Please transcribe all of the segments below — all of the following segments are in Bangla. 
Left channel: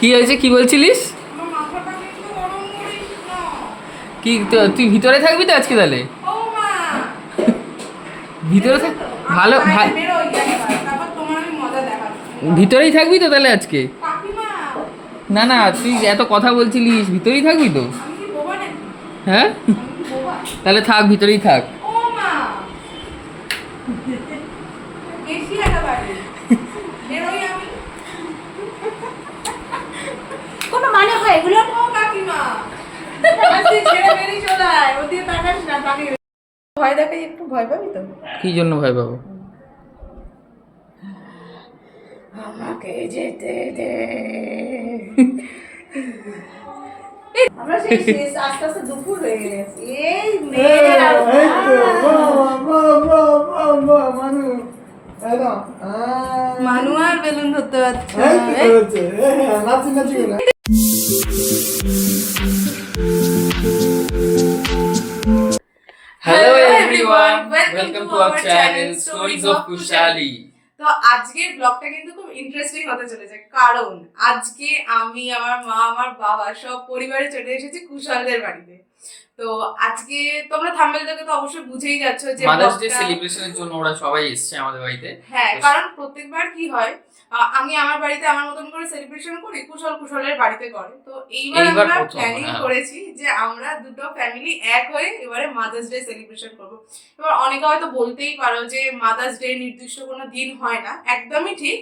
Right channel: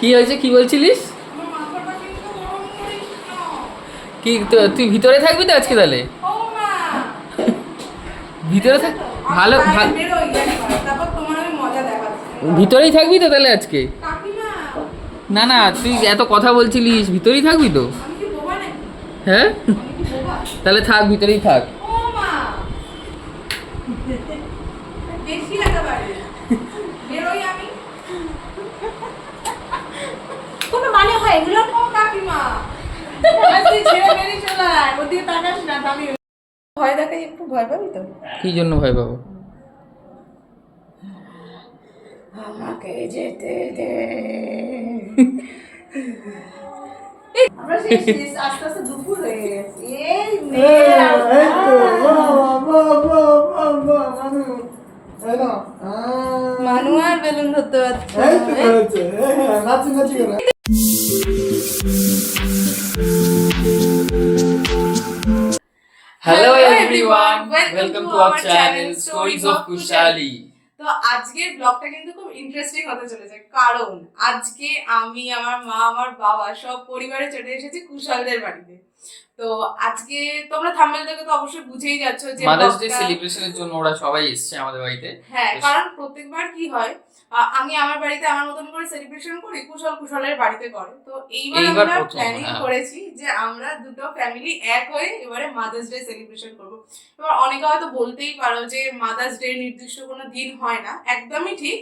কি হয়েছে, কি বলছিলিস? কি তুই ভিতরে থাকবি তো আজকে তাহলে? ভিতরে থাক, ভালো ভিতরেই থাকবি তো তাহলে আজকে? না না, তুই এত কথা বলছিলিস, ভিতরেই থাকবি তো? হ্যাঁ তাহলে থাক, ভিতরেই থাক। কোনো মানে হয় এগুলো? কাকিমা ভয় দেখাই, একটু ভয় পাবি তো? কি জন্য ভয় পাবো? আমাকে যেতে দে। আমরা সেই আস্তে আস্তে দুপুর হয়ে গেছে। এই মানু আর বেলুন ধরতে পারছে। Hello everyone, welcome to our channel stories of Kushali. তো আজকের ব্লগটা কিন্তু খুব ইন্টারেস্টিং হতে চলেছে, কারণ আজকে আমি, আমার মা, আমার বাবা সব পরিবারে চলে এসেছি কুশালদের বাড়িতে। তো আজকে তোমরা থাম্বনেল দেখে তো অবশ্যই বুঝেই যাচ্ছ যে মাদার্স ডে সেলিব্রেশনের জন্য ওরা সবাই এসেছে আমাদের বাড়িতে। হ্যাঁ, কারণ প্রত্যেকবার কি হয়, আমি আমার বাড়িতে আমার মতন করে সেলিব্রেশন করি, কুশল কুশলের বাড়িতে করে। তো এইবার আমরা প্ল্যানিং করেছি যে আমরা দুটো ফ্যামিলি এক হয়ে এবারে মাদার্স ডে সেলিব্রেশন করব। এবার অনেকে হয়তো বলতেই পারো যে মাদার্স ডে নির্দিষ্ট কোনো দিন হয় না, একদমই ঠিক,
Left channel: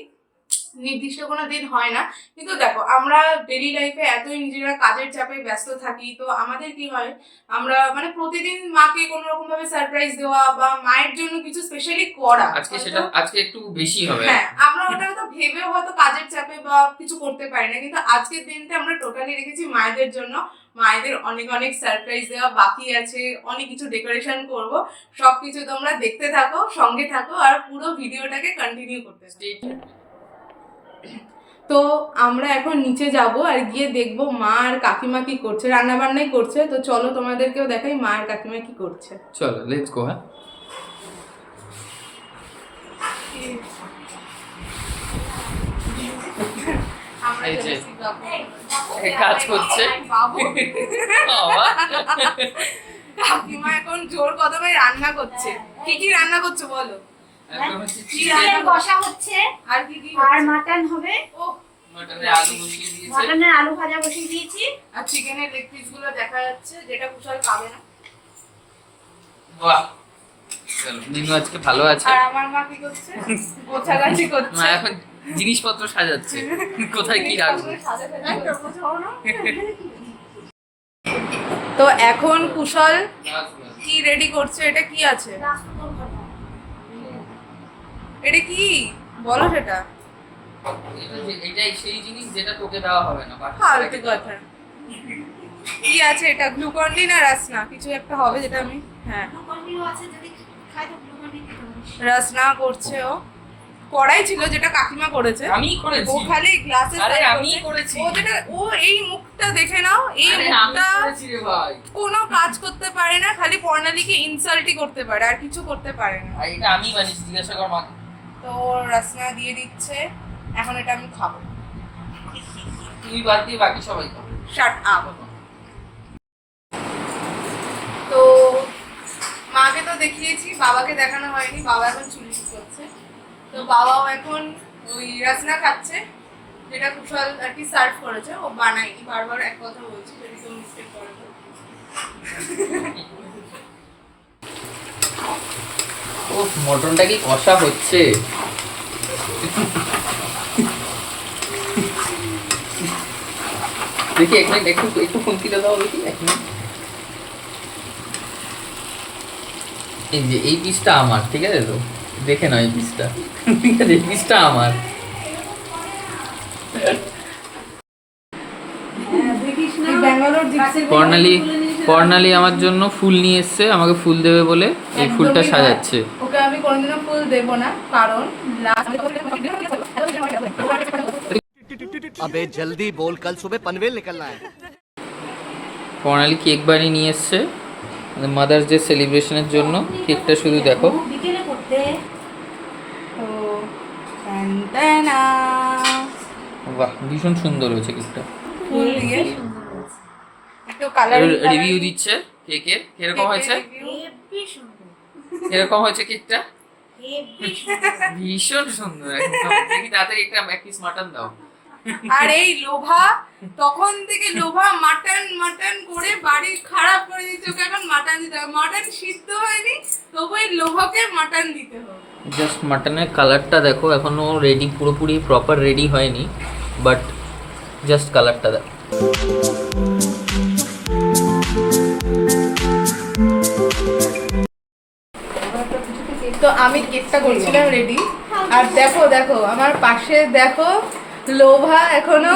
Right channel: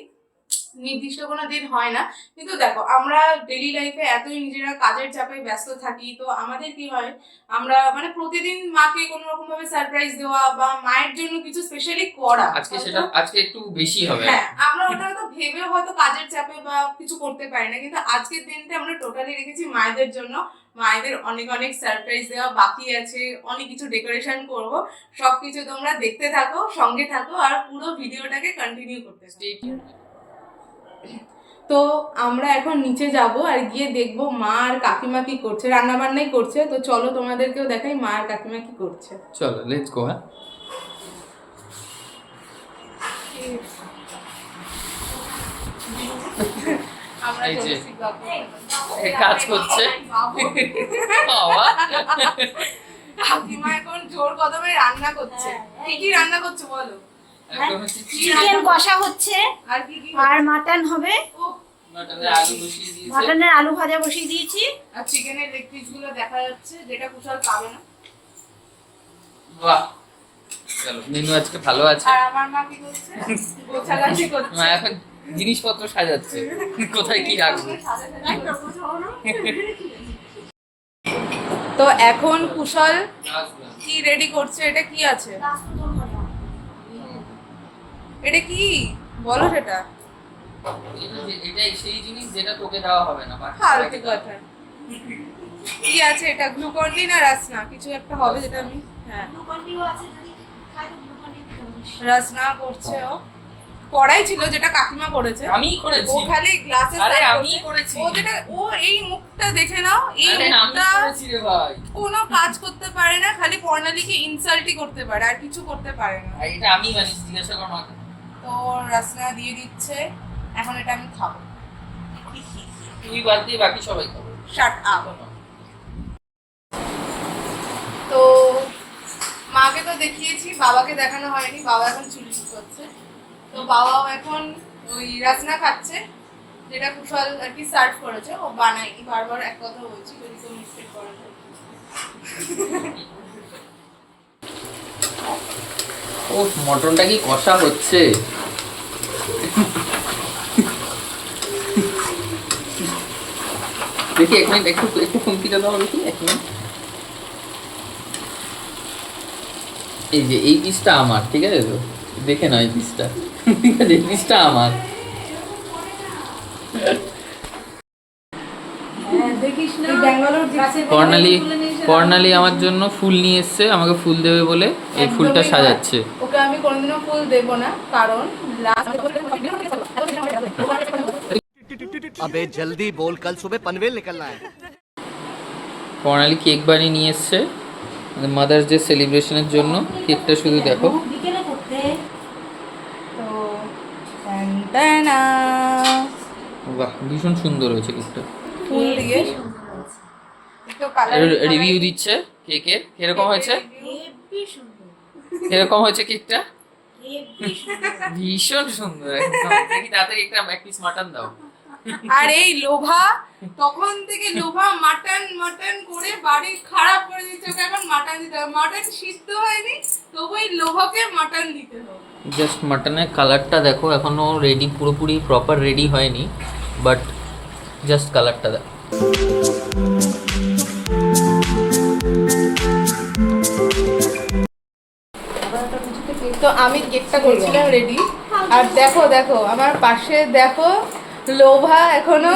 নির্দিষ্ট কোনো দিন হয় না। কিন্তু দেখো, আমরা ডেইলি লাইফে এতই নিজেরা কাজের চাপে ব্যস্ত থাকি, তো আমাদের কি হয়, আমরা মানে প্রতিদিন মাকে কোনো রকম ভাবে সারপ্রাইজ দেওয়া বা মায়ের জন্য কিছু স্পেশালি করা, আজকে সেটা আজকে একটু বেশি হবে। হ্যাঁ, আমরা ওটা তো ভেবে হয়তো কাজের চাপে বা কিছু করতে পারি না, কিন্তু আজকের দিনটা আমরা টোটালি রেখেছি মায়েদের জন্য। মায়েদের অনেক অনেক সারপ্রাইজ দেওয়া বাকি আছে, অনেক কিছু ডেকোরেশন করব। সবকিছু তোমরা দেখতে থাকো, সঙ্গে থাকো, আর পুরো ভিডিওটাকে কন্টিনিউ করতে থাকো। তো আমরা এখন নিচে যাব আর গিয়ে দেখবো মা আর কাকিমা কি করছে, রান্না বান্নাই করছে। তো চলো তোমাদেরকেও দেখাই মা আর কাকিমা কি করছে। চলো লেটস গো। হ্যাঁ, এই যে কাজ করছে বাবা, কাকিমা এখন জোর কদমে রান্না করছে। কি কি রান্না করছে বলো? চিকেন কষা হচ্ছে, আর কি কি? আর মাটন হবে। মাটনের আলু বসিয়ে দিয়েছে, মাটনের আলু ভাজা বসিয়ে দিয়েছি, আর চিকেনের লেগ পিস গুলো দেখা যাচ্ছে, যেটা কুশল খাবে না। বাহ, চলো মেনু আজকে ভালো আছে। আর আমার মা কি করছে? গোছাগাছি করছে। মা এখন জিনিসপত্র সাজাচ্ছে, কোথায় কি রাখবে। তো এখন কুশল কি রেডি করছে? এটা কি আছে? এটা কি বলো সেটা? এটাই সেই জিনিস যেটা তোকে দেওয়া হবে না, ফালতু কথা। কি আছে এটা? গ্লুকন-ডি না রাসনা কিছু একটা হবে, যেটা আমি, হ্যাঁ, গ্লুকন-ডিও আছে, যদি খাই তো গ্লুকন-ডি দিতে। রাসনা করছে ও। কড়াই ছিল যেটা কাকিমা করেছে, আমি করেছি। ও খালি গ্লাসে আরে সার্ভ আমি করছে। করেছি। ও যেটা, ও এই মুখটা দেখে নাও, এই আরে আমি মুখটা করেছি রে ভাই। কোনো কাজ করতে পারে না, খালি বর্ণালীকে ইনসাল্টই করতে পারে, আর কিছু করতে পারে না। আর এটা আমি বানিয়েছি, জিজ্ঞাসা কর মাকে। তো রাসনা দিয়ে দিচ্ছে, এখন এটা আমি খাবো। তুই বাদ দিয়ে বাকি সবাই খাবে। Shut up. তো মাকে তো দেখিয়েছি, বাবাকে দেখানো হয়নি, বাবা এখন চুরি করছে। তো বাবাও এখন ওই রাসনা খাচ্ছে, যেটা কুশল আর কি সার্ভ করেছে, ও বানায়নি। বারবার এক কথা বলছি, যদি কেউ মিস্টেক করে। ও মটনটা কি কষা হচ্ছে? দেখি এক মিনিট, একটু একটু খুন্তিটা দাও দেখি, এক মিনিট। এই যে এই পিসটা আমার, ঠিক আছে তো? দেখে নাও এই পিসটা, ঠিক আছে? এই পিসটা আমার। কর্ণালী আমার জন্য ফুল নিয়ে এসছে, আমাকে ফুল দেবে বলে এই ফুলটা সাজাচ্ছে। ওকে আমি কোনোদিনও ফুল দেব না, কারণ अबे जल्दी बोल, कल सुबह पनवेल निकलना है। কর্ণালী কেক বানিয়ে নিয়ে এসছে মাদার্স ডে সেলিব্রেশনের জন্য। কেকটা শুধু দেখো। বিকেলে করতে। তো টানটানা। বাহ, ভীষণ সুন্দর হয়েছে কেকটা। ফুল দিয়ে একটু কালার রিভিউ দিচ্ছে কেকের, এরকম হয়েছে, হেব্বি সুন্দর, এরকম হয়েছে কেকটা, হেব্বি সুন্দর। ভীষণ সুন্দর একদম। দেখি তাড়াতাড়ি একটা এক পিস মাটন দাও। আর এই লোভা তখন থেকে লোভা মাটন মাটন করে বাড়ি খারাপ করে দিচ্ছে, ওকে এখন মাটন দিতে হবে। মাটন সিদ্ধ হয়নি তবু এই লোভাকে মাটন দিতে হবে। জাস্ট মাটনের কালারটা দেখো, এখনো রেডি, পুরোপুরি প্রপার রেডি হয়নি, বাট জাস্ট কালারটা দেখো। তো আমি কেকটা করছিলাম রেডি, আর দেখো দেখো আমার পাশে দেখো লোভা এখনো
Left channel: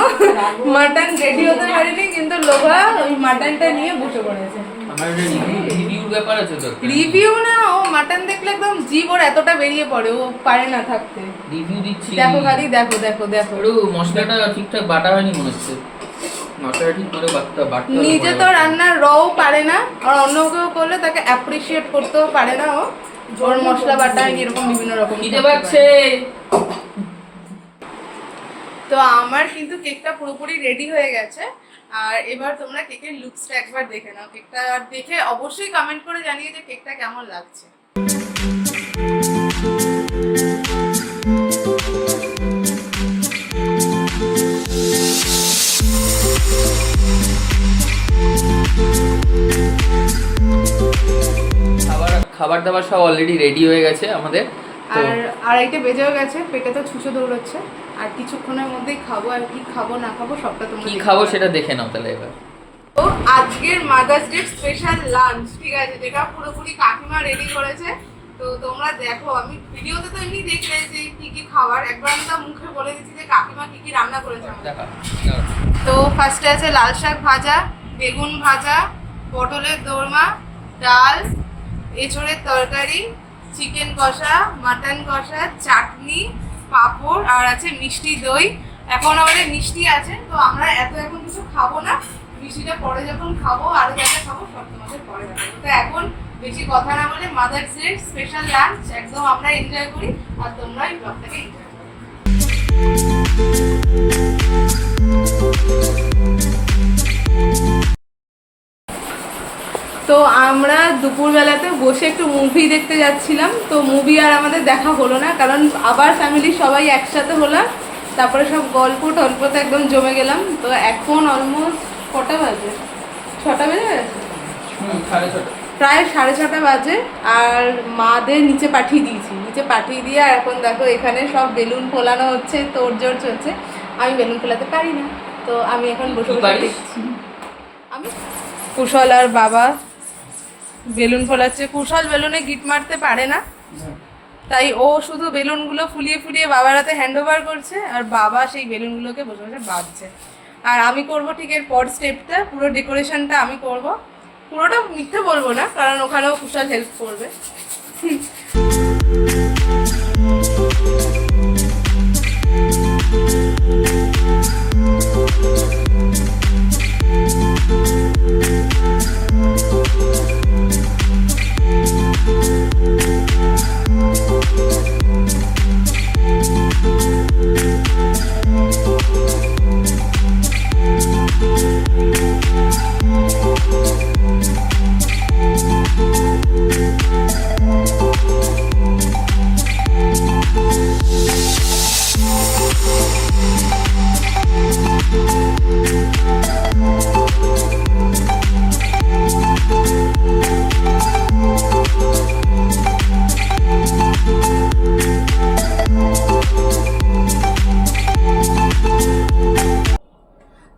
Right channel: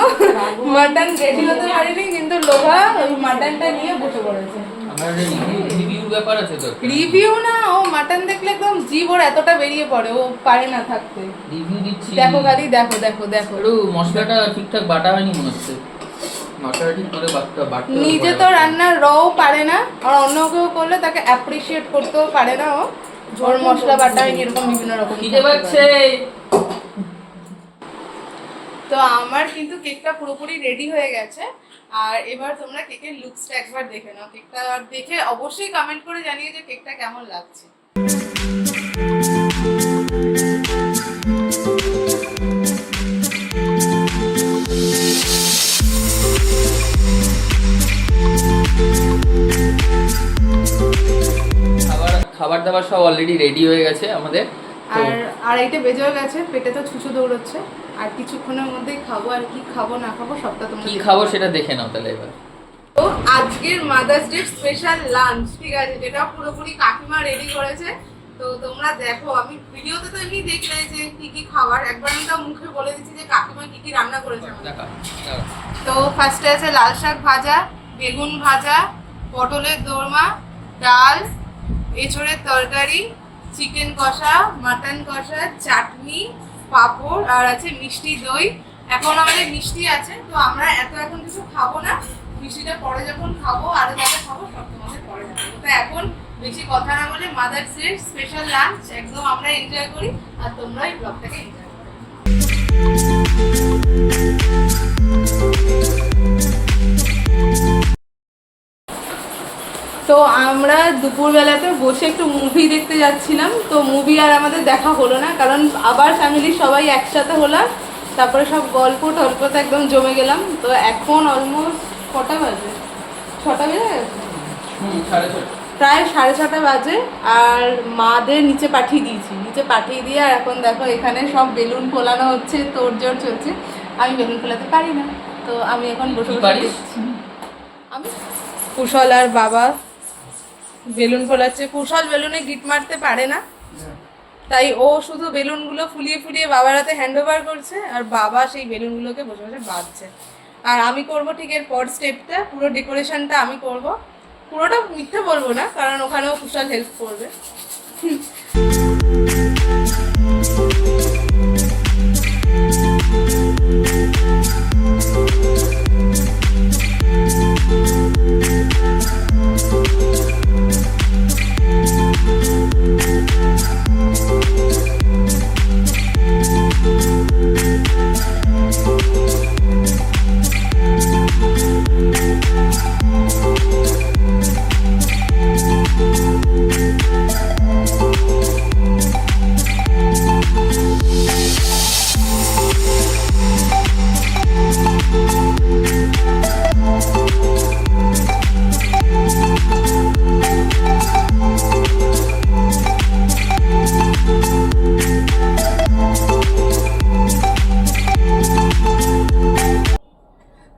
মাটন রেডি হতে পারেনি, কিন্তু লোভা ওই মাটনটা নিয়ে বসে পড়েছে। আমার রিভিউর ব্যাপার আছে তো। রিভিউ না, ও মাটন দেখলে একদম জিভ ওর এতটা বেরিয়ে পড়ে, ও পারে না থাকতে। রিভিউ দিচ্ছি। দেখো খালি দেখো দেখো দেখো, একটু মশলাটা ঠিকঠাক বাটা হয়নি মনে হচ্ছে, মশলাটা ঠিক করে বাটতে হবে। নিজে তো রান্নার রও পারে না, আর অন্য কেউ করলে তাকে অ্যাপ্রিসিয়েট করতেও পারে না। ও ওর মশলা বাটা হয়নি, এরকম বিভিন্ন রকম দিতে পারছে। তো আমার কিন্তু কেকটা পুরোপুরি রেডি হয়ে গেছে, আর এবার তোমরা কেকের লুকসটা একবার দেখে নাও। কেকটা দেখে অবশ্যই কমেন্ট করে জানিয়ে যে কেকটা কেমন লাগছে। খাবার দাবার সব অলরেডি রেডি হয়ে গেছে আমাদের। আর আড়াইটে বেজেও গেছে, পেটে তো ছুঁচো দৌড়চ্ছে, আর কিছুক্ষণের মধ্যেই খাবো। আর কি খাবো না খাবো সবটা তোমরা কি দেখতে খাবো পাবে। সেটা দেখে নাও তাহলে এবার। তো আজকের মাদার্স ডে স্পেশাল লাঞ্চ, ঠিক আছে, যেটা পুরোপুরি কাকিমা রেডি করেছে। তো তোমরা দেখো, আমি ভিডিওতে তো এমনি দেখলে যে কি কি খাবার, একবার আমি তো মুখে বলে দিচ্ছি যে কাকিমা কি কি রান্না করেছে আমাদের। দেখা তো ফার্স্টে আছে লাল শাক ভাজা, বেগুন ভাজা, পটলের দোরমা, ডাল, এঁচড়ের তরকারি, চিকেন কষা, মাটন কষা, চাটনি, পাঁপড়, আর আছে মিষ্টি দই। এখন আমাদের মিষ্টি আছে, তো আমরা এখন কিছু খাবো না, মিষ্টিটা পরে যখন খাবো, আরো যা যা খাবো সব তোমাদের পরে দেখাবো। তো এখন বেশি কথা না বলে মাদার্স ডে স্পেশাল লাঞ্চ একদম আমরা এনজয় করি, আর তোমরা এই ব্লগটাকে এনজয় করো। তো আমরা দুপুরবেলাতে বসে একটু মুভি দেখতে যাচ্ছিলাম। তো মুভি আর আমাদের দেখা হলো না, কারণ আবার ফ্যামিলির সবাই একসাথে হলাম, তারপরে সব গল্প টল্পতে একদম জমে গেলাম। তো এখন অলমোস্ট কটা বাজে, 6টা বেজে গেছে, প্রায় 6:30 বাজে। আর মাদের নিচে পাঠিয়ে দিয়েছি, নিচে পাঠিয়ে দিয়ে আর এখন দেখো এখানে সব বেলুন ফোলানো হচ্ছে, তোড়জোড় চলছে। আমি বেলুন ফোলাতে পারি না, তো আমি এখন বসে বসে দেখছি। আমি কুশল আর বাবা বেলুন ফোলাচ্ছে। কুশল বেলুনে গিট মারতে পারে না, তাই ও শুধু বেলুনগুলো ফুলিয়ে ফুলিয়ে বাবার হাতে হ্যান্ড ওভার করছে, আর বাবা সেই বেলুনগুলোকে বসে বসে বাঁধছে। আর আমি করব ঠিক এর পর স্টেপটা, পুরো ডেকোরেশনটা আমি করব। পুরোটা মিথ্যে বলবো না, কারণ ওখানেও কুশল হেল্প করবে।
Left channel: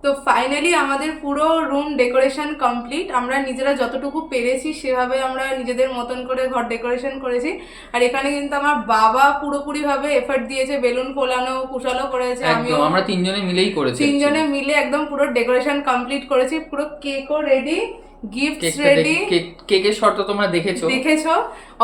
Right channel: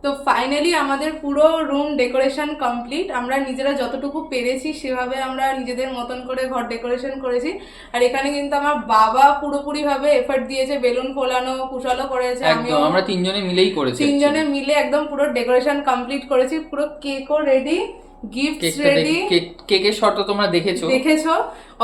তো ফাইনালি আমাদের পুরো রুম ডেকোরেশন কমপ্লিট। আমরা নিজেরা যতটুকু পেরেছি সেভাবে আমরা নিজেদের মতন করে ঘর ডেকোরেশন করেছি। আর এখানে কিন্তু আমার বাবা পুরোপুরিভাবে এফর্ট দিয়েছে, বেলুন ফোলানো, কুশলও করেছে, একদম আমরা তিনজনে মিলেই করেছি, তিনজনে মিলে একদম পুরো ডেকোরেশন কমপ্লিট করেছি। পুরো কেকও রেডি, গিফটস রেডি। কেকের শর্ট তোমরা দেখেছো,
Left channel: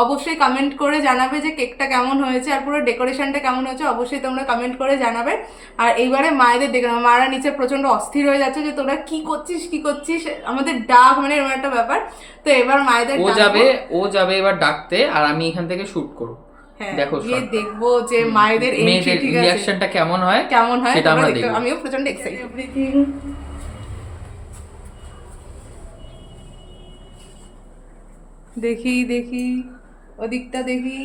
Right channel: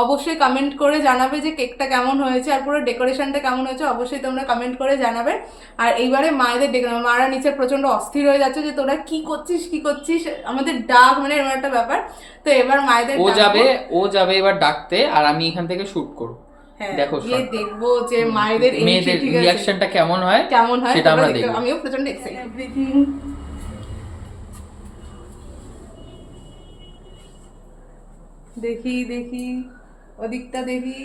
অবশ্যই কমেন্ট করে জানাবে যে কেকটা কেমন হয়েছে আর পুরো ডেকোরেশনটা কেমন হয়েছে, অবশ্যই তোমরা কমেন্ট করে জানাবে। আর এইবারে মায়েদের মারা নিচে প্রচন্ড অস্থির হয়ে যাচ্ছে যে তোরা কি করছিস, আমাদের ডাক, মানে এরকম একটা ব্যাপার। তো এবার মায়েদের ও যাবে এবার ডাকতে, আর আমি এখান থেকে শুট করব। হ্যাঁ, দেখো গিয়ে দেখবো যে মায়েদের entry মেয়েদের ঠিক আছে, রিঅ্যাকশনটা কেমন হয় কেমন হয় সেটা আমরা তোমরা দেখতে দেখবো। আমিও প্রচন্ড এক্সাইটেড। এভরিথিং দেখি দেখি ওদিকটা দেখি,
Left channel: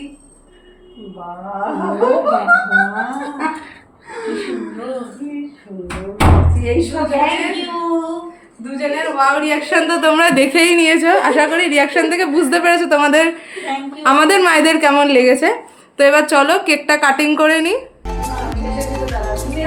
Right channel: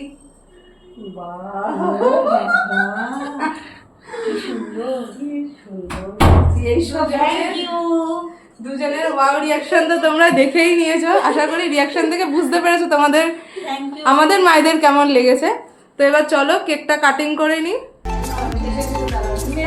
দুজনের ওয়াও রিয়াকশন তো তোমরা দেখেই নিয়েছো, আশা করি রিয়াকশন থেকে বুঝতে পেরেছো তোমাদের আমাদের মায়েদের কেমন লেগেছে। তো এবার চলো কেকটা কাটিং করে নিই। Happy mother's day.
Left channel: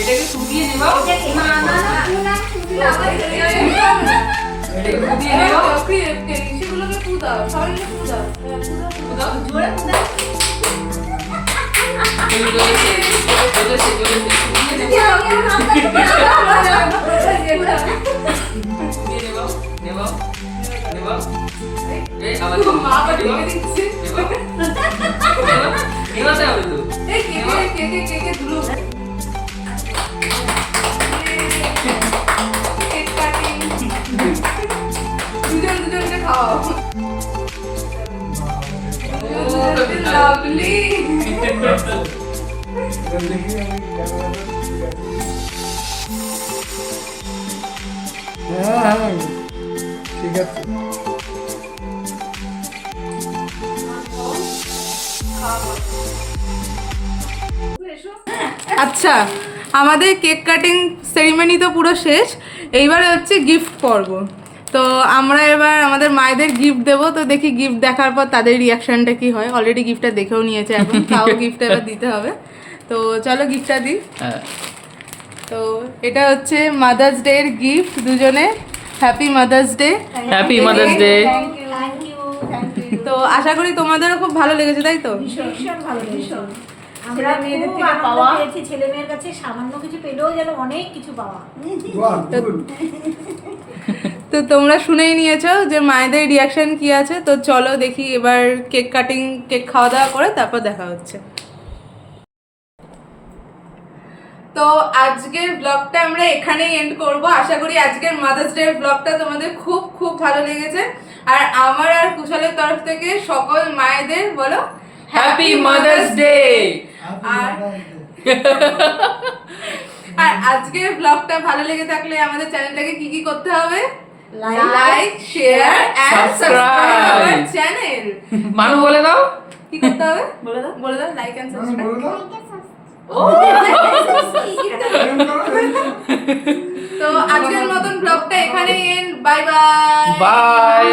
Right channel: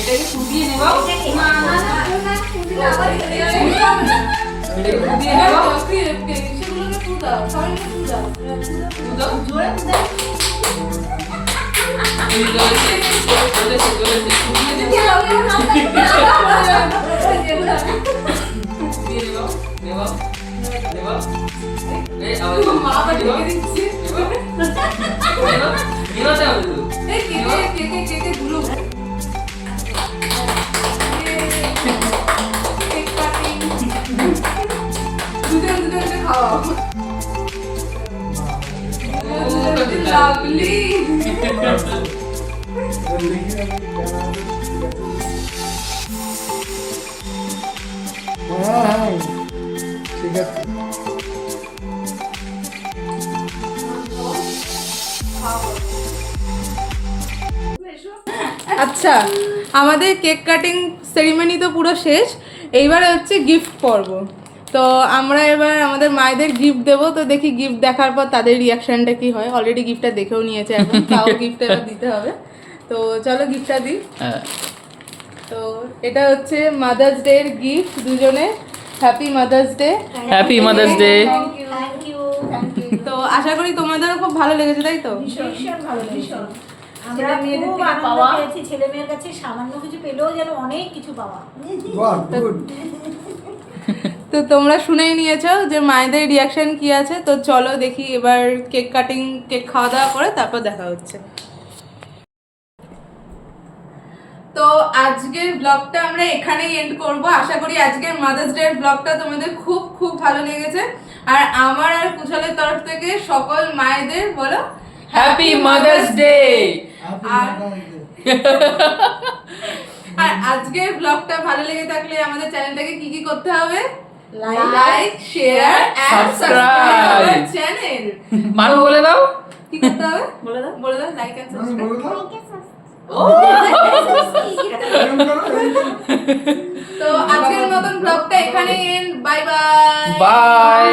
এটাকে ফুটিয়ে নেবা, এটাকে ফুটিয়ে নেবা, সেগুলোকে ফু দাও, সবাইকে ফু দাও। জ্বলেছে ফুটিয়ে নেবা, নেবা নেবা, এই আবার মা আবার ডেকে দিচ্ছে। নেবাতে হবে তো। এই কেকে ধুলো। Cake cutting. দুজনকে খাওয়াও। লাভলি। ঠিক আছে। আচ্ছা, আমাদের কেক কাটিং সেরিমনি তো পুরো শেষ, এইবার হচ্ছে গিফট পর্ব। তো আমরা এবার আমাদের মায়েদের গিফট দেবো, তো দেখি গিফট দেখার পর তাদের রিয়াকশনটা কি হয়। অলরেডি গিফটটা দেখেও নিয়েছে, এখন তাও গিফটটা এবার দিতে হবে। তো চলো গিফটটা দিই। হ্যাঁ, তো এটা হচ্ছে মাদার্স ডে এর গিফট, দুজনে happy mother's day. Happy mother's day. তো আশা করি তোমাদেরও খুব ভালো লেগেছে, তাই তো? ভীষণ ভালো লেগেছে। আমরা খুব আনন্দ পেয়েছি, ছেলে মেয়ের কাছে সামান্য কিছু পেলেও যেন অনেক কিছু পাওয়া। তো তোমরা শুনেই নিয়েছো যে মায়েদের রিয়াকশন কি আছে। তো চলো দেখি এবার কেক কাটিং, কেক খাওয়া দাওয়া করে তারপর দেখা হচ্ছে। তো আজকের ব্লগটা আমরা এখানেই এন্ড করব। আশা করি আজকের মাদার্স ডে এর ব্লগটা তোমাদের খুব খুব ভালো লেগেছে। আর আমার আর কুশলের তরফ থেকে সকল মায়েদের বলো হ্যাপি মাদার্স ডে। আর আজকের ব্লগটা ভালো লেগে থাকলে আমাদের চ্যানেলটাকে কি কি করতে হবে? Like, share and subscribe channel. মানু বলে দাও কি করতে হবে? বলে দাও লাইক এন্ড সাবস্ক্রাইব। তো আজকের মতন ব্লগটা এখানেই এন্ড। Bye bye. বাই।